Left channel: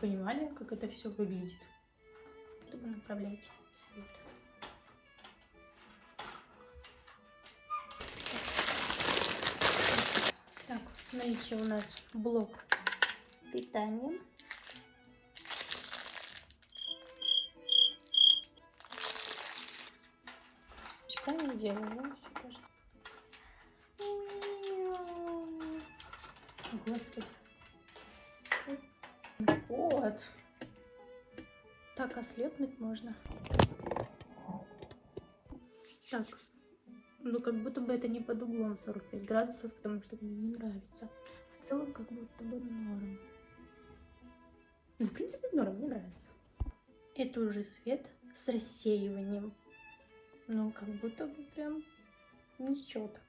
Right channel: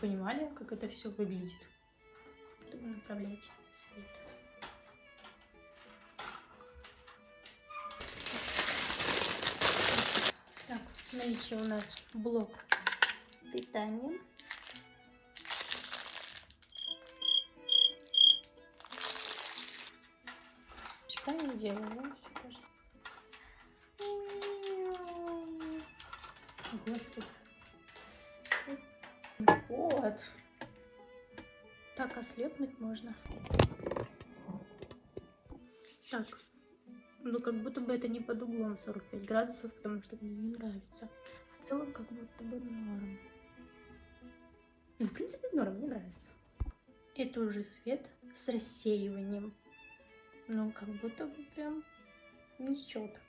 Понимали, как это все выглядит? Чтобы направлять свет. Так, в наличии у нас блок питания. Правильно делаю, да? Все кажется. Господи. Вот. Так ослепнуть можно. Так. Ну, как будто бы это не под углом 45 градусов, потому что мне не нравится. В целом, как будто бы норм. Ну, в принципе, норм, мне нравится. Это уже свет с рассеиванием. Ну, как будто бы прям ничего так.